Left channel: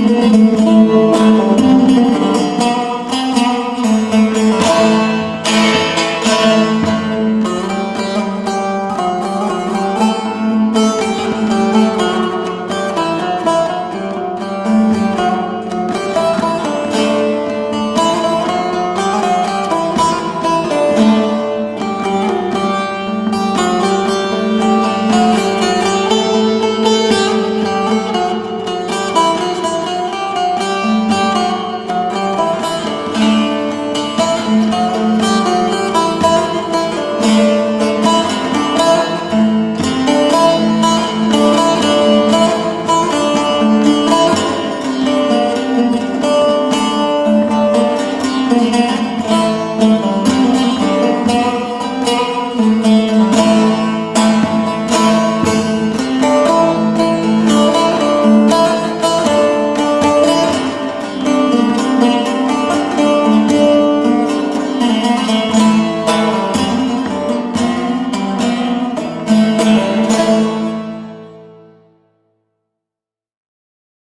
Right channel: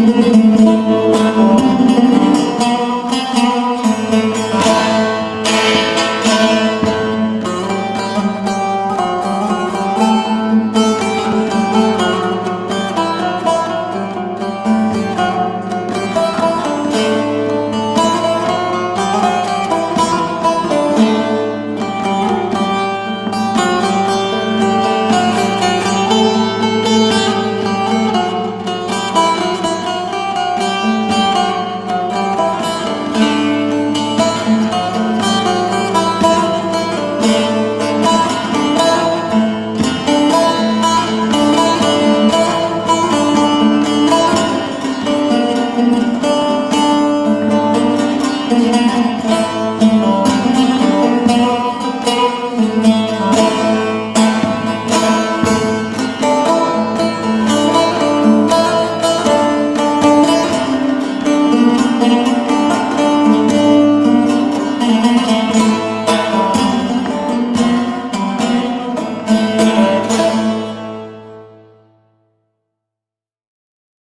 Thank okay. you.